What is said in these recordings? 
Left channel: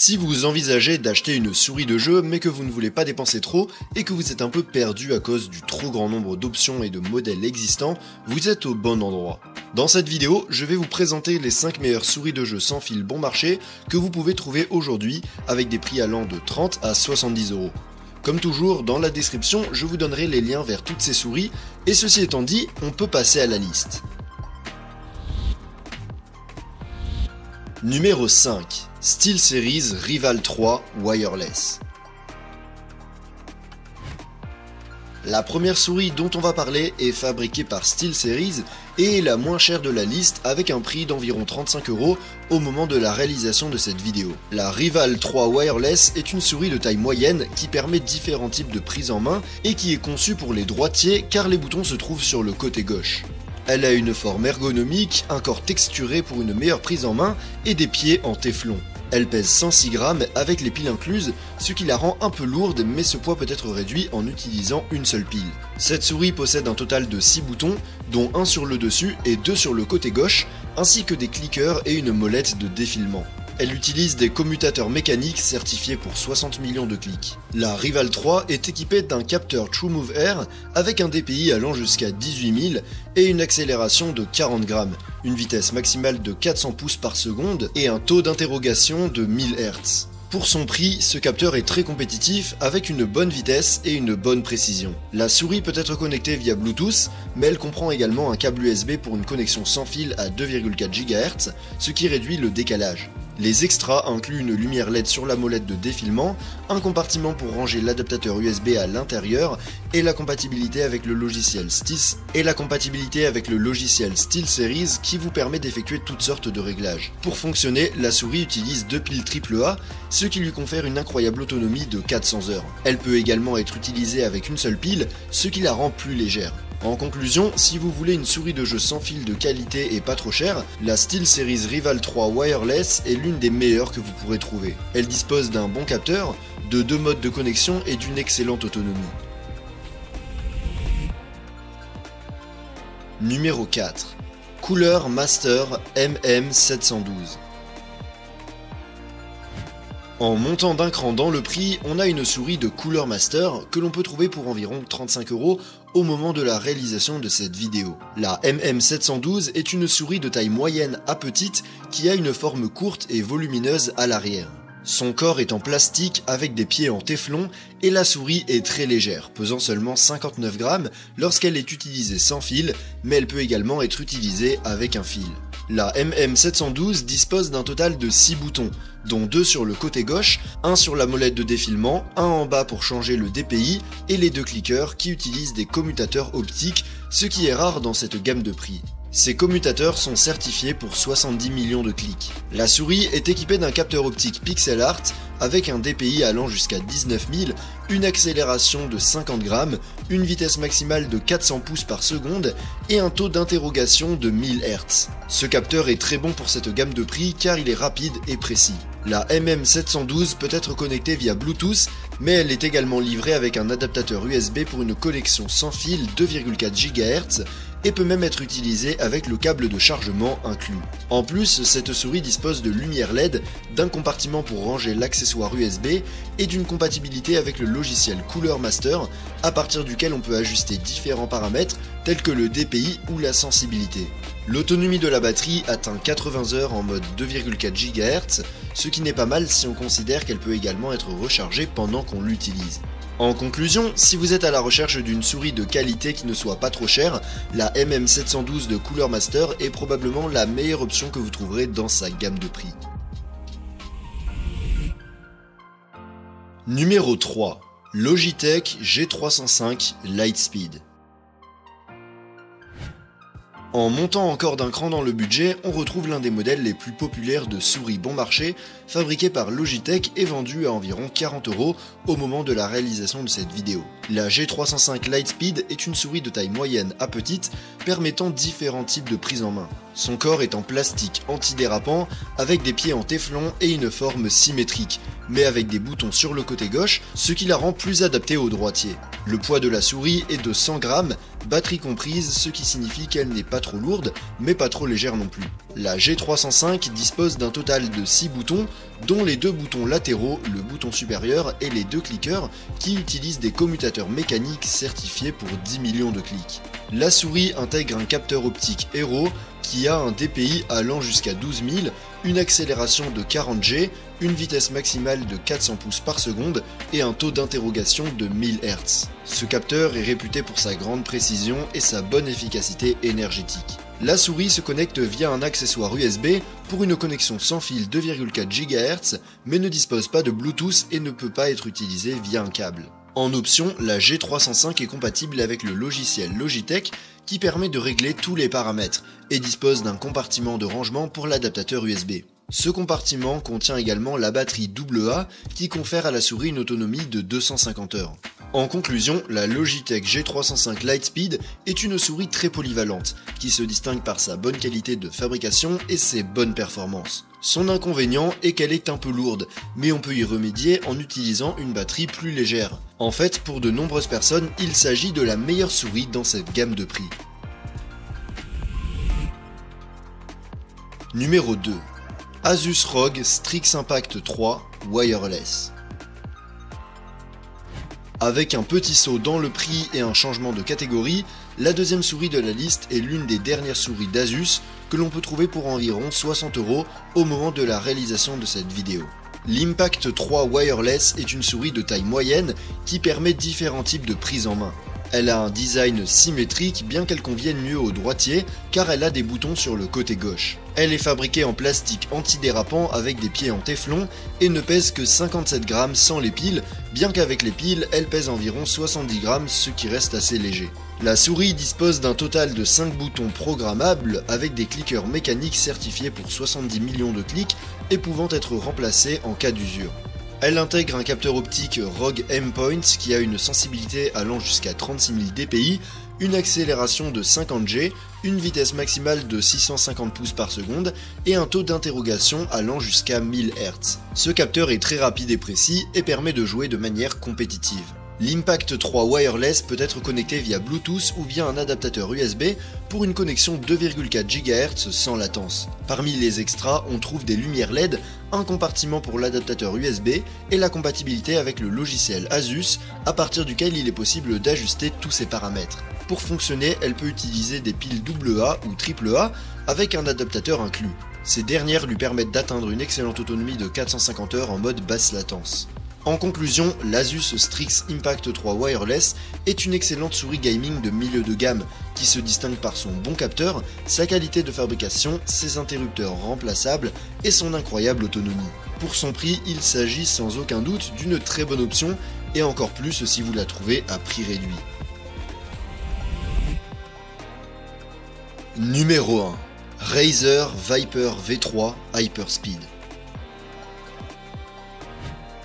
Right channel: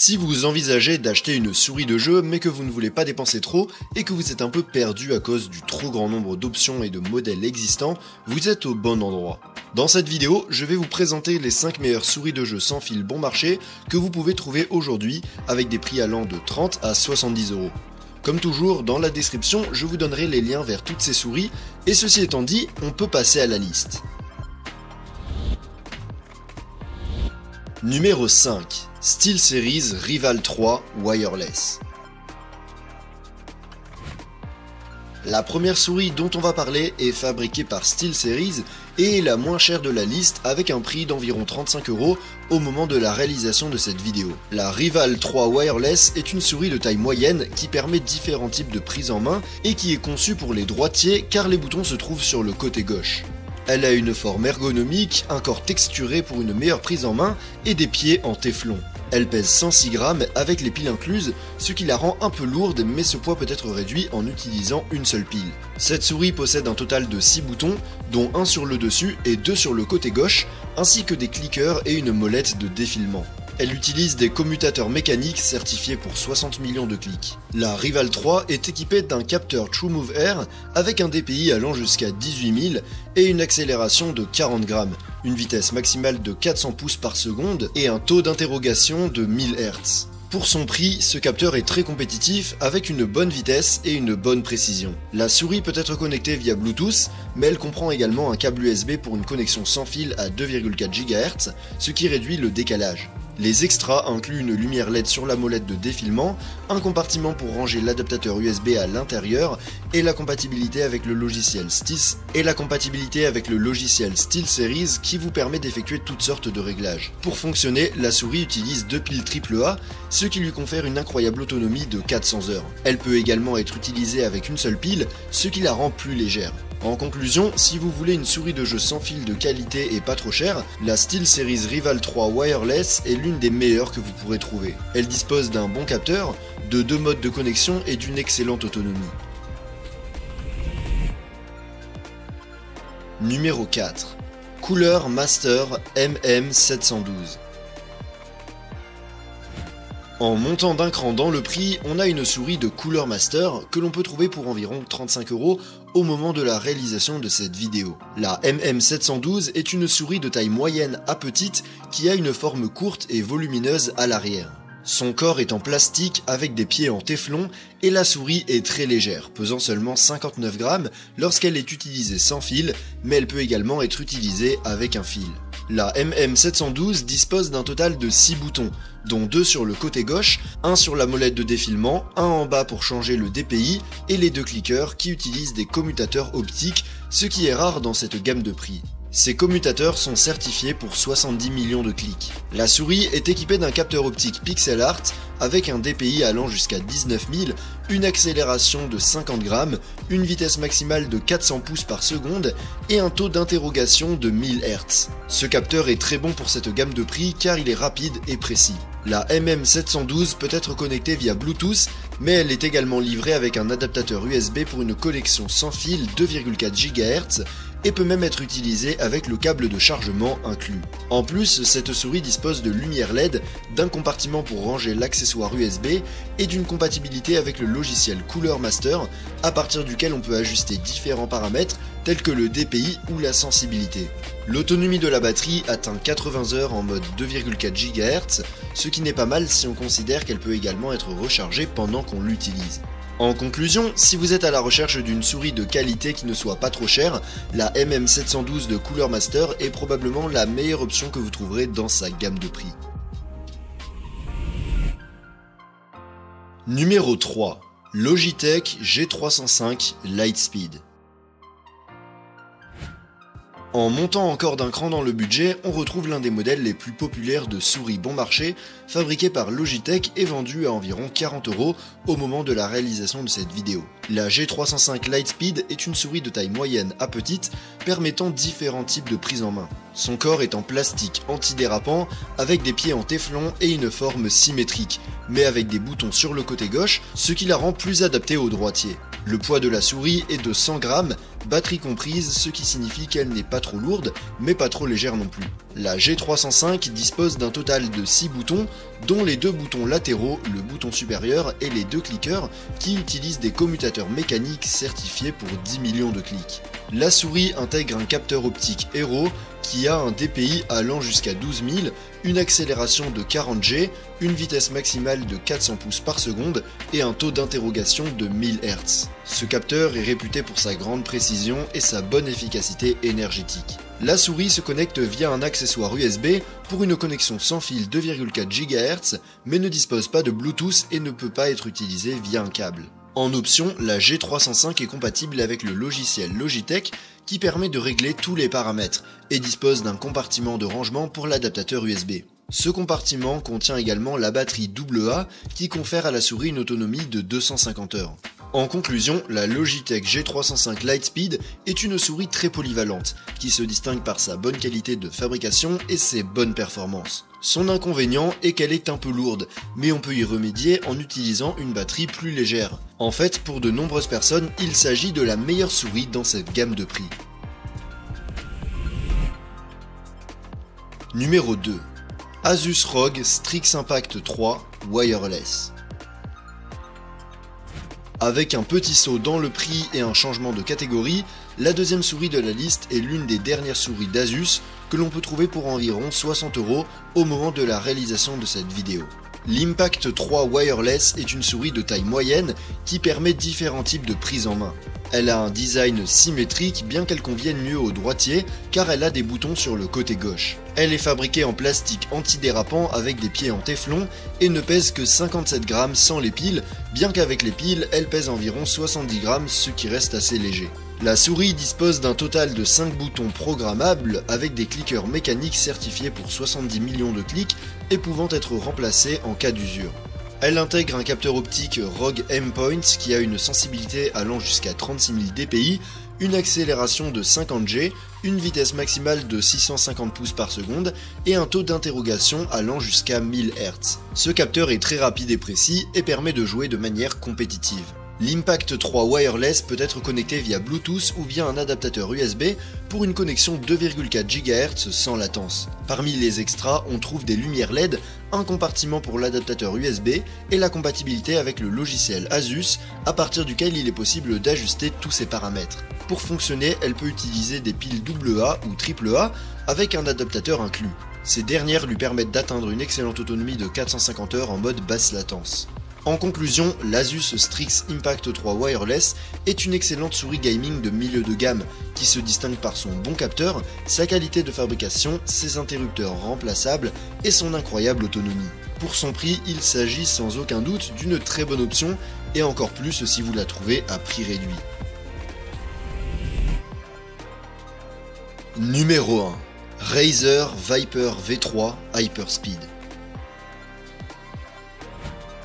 Si vous envisagez d'acheter une souris de jeu mais que vous ne voulez pas dépenser trop et que vous êtes un peu perdu à cause du trop grand nombre d'options et de modèles existants, vous êtes au bon endroit. Dans cette vidéo, je vais vous présenter les 5 meilleures souris de jeu sans fil bon marché que vous pouvez trouver aujourd'hui avec des prix allant de 30 à 70 €. Comme toujours, dans la description, je vous donnerai les liens vers toutes ces souris et ceci étant dit, on peut passer à la liste. Numéro 5. SteelSeries Rival 3 Wireless. La première souris dont on va parler est fabriquée par SteelSeries et est la moins chère de la liste avec un prix d'environ 35 € au moment de la réalisation de cette vidéo. La Rival 3 Wireless est une souris de taille moyenne qui permet différents types de prise en main et qui est conçue pour les droitiers car les boutons se trouvent sur le côté gauche. Elle a une forme ergonomique, un corps texturé pour une meilleure prise en main et des pieds en téflon. Elle pèse 106 grammes avec les piles incluses, ce qui la rend un peu lourde mais ce poids peut être réduit en utilisant une seule pile. Cette souris possède un total de 6 boutons, dont un sur le dessus et 2 sur le côté gauche, ainsi que des cliqueurs et une molette de défilement. Elle utilise des commutateurs mécaniques certifiés pour 60 millions de clics. La Rival 3 est équipée d'un capteur TrueMove Air avec un DPI allant jusqu'à 18 000 et une accélération de 40 grammes, une vitesse maximale de 400 pouces par seconde et un taux d'interrogation de 1000 Hz. Pour son prix, ce capteur est très compétitif avec une bonne vitesse et une bonne précision. La souris peut être connectée via Bluetooth, mais elle comprend également un câble USB pour une connexion sans fil à 2,4 GHz, ce qui réduit le décalage. Les extras incluent une lumière LED sur la molette de défilement, un compartiment pour ranger l'adaptateur USB à l'intérieur et la compatibilité avec le logiciel SteelSeries qui vous permet d'effectuer toutes sortes de réglages. Pour fonctionner, la souris utilise 2 piles AAA, ce qui lui confère une incroyable autonomie de 400 heures. Elle peut également être utilisée avec une seule pile, ce qui la rend plus légère. En conclusion, si vous voulez une souris de jeu sans fil de qualité et pas trop chère, la SteelSeries Rival 3 Wireless est l'une des meilleures que vous pourrez trouver. Elle dispose d'un bon capteur, de 2 modes de connexion et d'une excellente autonomie. Numéro 4. Cooler Master MM712. En montant d'un cran dans le prix, on a une souris de Cooler Master que l'on peut trouver pour environ 35 € au moment de la réalisation de cette vidéo. La MM712 est une souris de taille moyenne à petite qui a une forme courte et volumineuse à l'arrière. Son corps est en plastique avec des pieds en téflon et la souris est très légère, pesant seulement 59 grammes lorsqu'elle est utilisée sans fil, mais elle peut également être utilisée avec un fil. La MM712 dispose d'un total de 6 boutons, dont 2 sur le côté gauche, 1 sur la molette de défilement, 1 en bas pour changer le DPI et les 2 cliqueurs qui utilisent des commutateurs optiques, ce qui est rare dans cette gamme de prix. Ces commutateurs sont certifiés pour 70 millions de clics. La souris est équipée d'un capteur optique pixel art avec un DPI allant jusqu'à 19 000, une accélération de 50 grammes, une vitesse maximale de 400 pouces par seconde et un taux d'interrogation de 1000 Hz. Ce capteur est très bon pour cette gamme de prix car il est rapide et précis. La MM712 peut être connectée via Bluetooth, mais elle est également livrée avec un adaptateur USB pour une connexion sans fil 2,4 GHz et peut même être utilisée avec le câble de chargement inclus. En plus, cette souris dispose de lumière LED, d'un compartiment pour ranger l'accessoire USB et d'une compatibilité avec le logiciel Cooler Master, à partir duquel on peut ajuster différents paramètres tels que le DPI ou la sensibilité. L'autonomie de la batterie atteint 80 heures en mode 2,4 GHz, ce qui n'est pas mal si on considère qu'elle peut également être rechargée pendant qu'on l'utilise. En conclusion, si vous êtes à la recherche d'une souris de qualité qui ne soit pas trop chère, la MM712 de Cooler Master est probablement la meilleure option que vous trouverez dans sa gamme de prix. Numéro 3. Logitech G305 Lightspeed. En montant encore d'un cran dans le budget, on retrouve l'un des modèles les plus populaires de souris bon marché, fabriqué par Logitech et vendu à environ 40 € au moment de la réalisation de cette vidéo. La G305 Lightspeed est une souris de taille moyenne à petite, permettant différents types de prise en main. Son corps est en plastique antidérapant, avec des pieds en téflon et une forme symétrique, mais avec des boutons sur le côté gauche, ce qui la rend plus adaptée aux droitiers. Le poids de la souris est de 100 grammes, batterie comprise, ce qui signifie qu'elle n'est pas trop lourde, mais pas trop légère non plus. La G305 dispose d'un total de 6 boutons, dont les deux boutons latéraux, le bouton supérieur et les deux cliqueurs, qui utilisent des commutateurs mécaniques certifiés pour 10 millions de clics. La souris intègre un capteur optique Hero qui a un DPI allant jusqu'à 12 000, une accélération de 40 G, une vitesse maximale de 400 pouces par seconde et un taux d'interrogation de 1000 Hz. Ce capteur est réputé pour sa grande précision et sa bonne efficacité énergétique. La souris se connecte via un accessoire USB pour une connexion sans fil 2,4 GHz, mais ne dispose pas de Bluetooth et ne peut pas être utilisée via un câble. En option, la G305 est compatible avec le logiciel Logitech qui permet de régler tous les paramètres et dispose d'un compartiment de rangement pour l'adaptateur USB. Ce compartiment contient également la batterie AA qui confère à la souris une autonomie de 250 heures. En conclusion, la Logitech G305 Lightspeed est une souris très polyvalente qui se distingue par sa bonne qualité de fabrication et ses bonnes performances. Son inconvénient est qu'elle est un peu lourde, mais on peut y remédier en utilisant une batterie plus légère. En fait, pour de nombreuses personnes, il s'agit de la meilleure souris dans cette gamme de prix. Numéro 2. Asus ROG Strix Impact 3 Wireless. Avec un petit saut dans le prix et un changement de catégorie, la deuxième souris de la liste est l'une des dernières souris d'Asus que l'on peut trouver pour environ 60 € au moment de la réalisation de cette vidéo. L'Impact 3 Wireless est une souris de taille moyenne qui permet différents types de prise en main. Elle a un design symétrique bien qu'elle convienne mieux aux droitiers car elle a des boutons sur le côté gauche. Elle est fabriquée en plastique antidérapant avec des pieds en téflon et ne pèse que 57 grammes sans les piles, bien qu'avec les piles, elle pèse environ 70 grammes, ce qui reste assez léger. La souris dispose d'un total de 5 boutons programmables avec des cliqueurs mécaniques certifiés pour 70 millions de clics et pouvant être remplacés en cas d'usure. Elle intègre un capteur optique ROG M-Point qui a une sensibilité allant jusqu'à 36 000 dpi, une accélération de 50 G, une vitesse maximale de 650 pouces par seconde et un taux d'interrogation allant jusqu'à 1000 Hz. Ce capteur est très rapide et précis et permet de jouer de manière compétitive. L'Impact 3 Wireless peut être connecté via Bluetooth ou via un adaptateur USB pour une connexion 2,4 GHz sans latence. Parmi les extras, on trouve des lumières LED, un compartiment pour l'adaptateur USB et la compatibilité avec le logiciel Asus à partir duquel il est possible d'ajuster tous ces paramètres. Pour fonctionner, elle peut utiliser des piles AA ou AAA avec un adaptateur inclus. Ces dernières lui permettent d'atteindre une excellente autonomie de 450 heures en mode basse latence. En conclusion, l'Asus Strix Impact 3 Wireless est une excellente souris gaming de milieu de gamme qui se distingue par son bon capteur, sa qualité de fabrication, ses interrupteurs remplaçables et son incroyable autonomie. Pour son prix, il s'agit sans aucun doute d'une très bonne option et encore plus si vous la trouvez à prix réduit. Numéro 1. Razer Viper V3 Hyperspeed.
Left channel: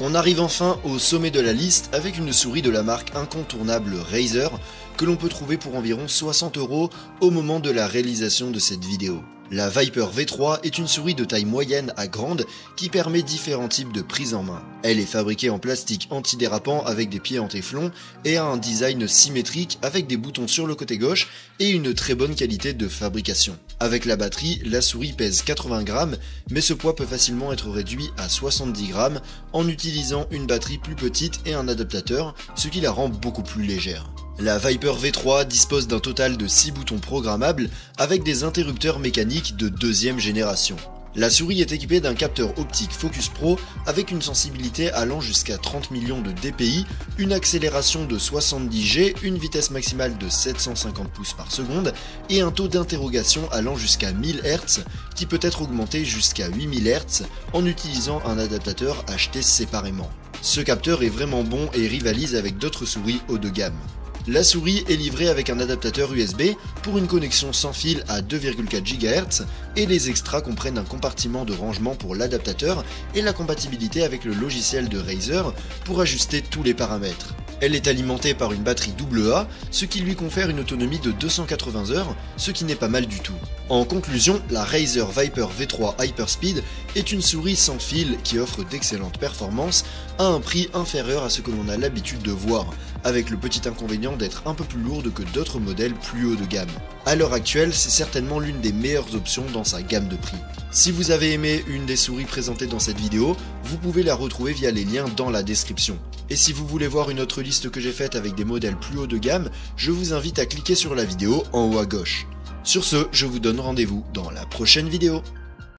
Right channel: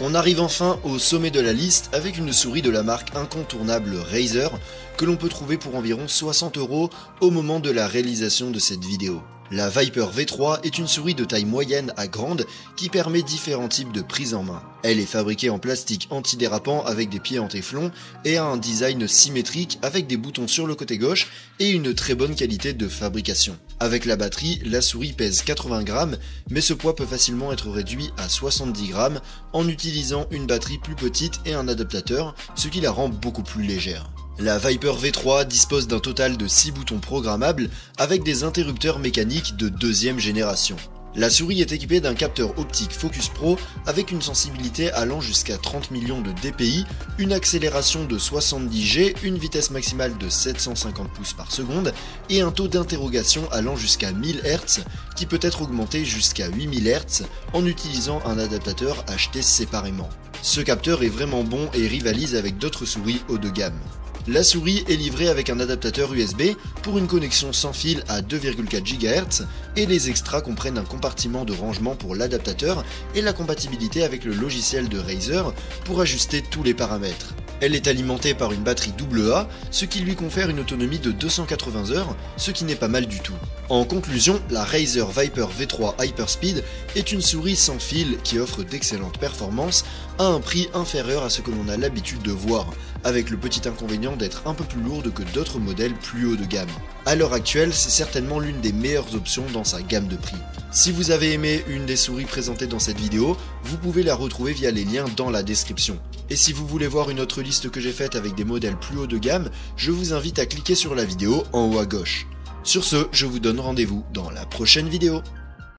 On arrive enfin au sommet de la liste avec une souris de la marque incontournable Razer que l'on peut trouver pour environ 60 € au moment de la réalisation de cette vidéo. La Viper V3 est une souris de taille moyenne à grande qui permet différents types de prise en main. Elle est fabriquée en plastique antidérapant avec des pieds en téflon et a un design symétrique avec des boutons sur le côté gauche et une très bonne qualité de fabrication. Avec la batterie, la souris pèse 80 grammes, mais ce poids peut facilement être réduit à 70 grammes en utilisant une batterie plus petite et un adaptateur, ce qui la rend beaucoup plus légère. La Viper V3 dispose d'un total de 6 boutons programmables avec des interrupteurs mécaniques de deuxième génération. La souris est équipée d'un capteur optique Focus Pro avec une sensibilité allant jusqu'à 30 millions de dpi, une accélération de 70 G, une vitesse maximale de 750 pouces par seconde et un taux d'interrogation allant jusqu'à 1000 Hz qui peut être augmenté jusqu'à 8000 Hz en utilisant un adaptateur acheté séparément. Ce capteur est vraiment bon et rivalise avec d'autres souris haut de gamme. La souris est livrée avec un adaptateur USB pour une connexion sans fil à 2,4 GHz et les extras comprennent un compartiment de rangement pour l'adaptateur et la compatibilité avec le logiciel de Razer pour ajuster tous les paramètres. Elle est alimentée par une batterie AA, ce qui lui confère une autonomie de 280 heures, ce qui n'est pas mal du tout. En conclusion, la Razer Viper V3 Hyperspeed est une souris sans fil qui offre d'excellentes performances à un prix inférieur à ce que l'on a l'habitude de voir, avec le petit inconvénient d'être un peu plus lourde que d'autres modèles plus haut de gamme. À l'heure actuelle, c'est certainement l'une des meilleures options dans sa gamme de prix. Si vous avez aimé une des souris présentées dans cette vidéo, vous pouvez la retrouver via les liens dans la description. Et si vous voulez voir une autre liste que j'ai faite avec des modèles plus haut de gamme, je vous invite à cliquer sur la vidéo en haut à gauche. Sur ce, je vous donne rendez-vous dans la prochaine vidéo.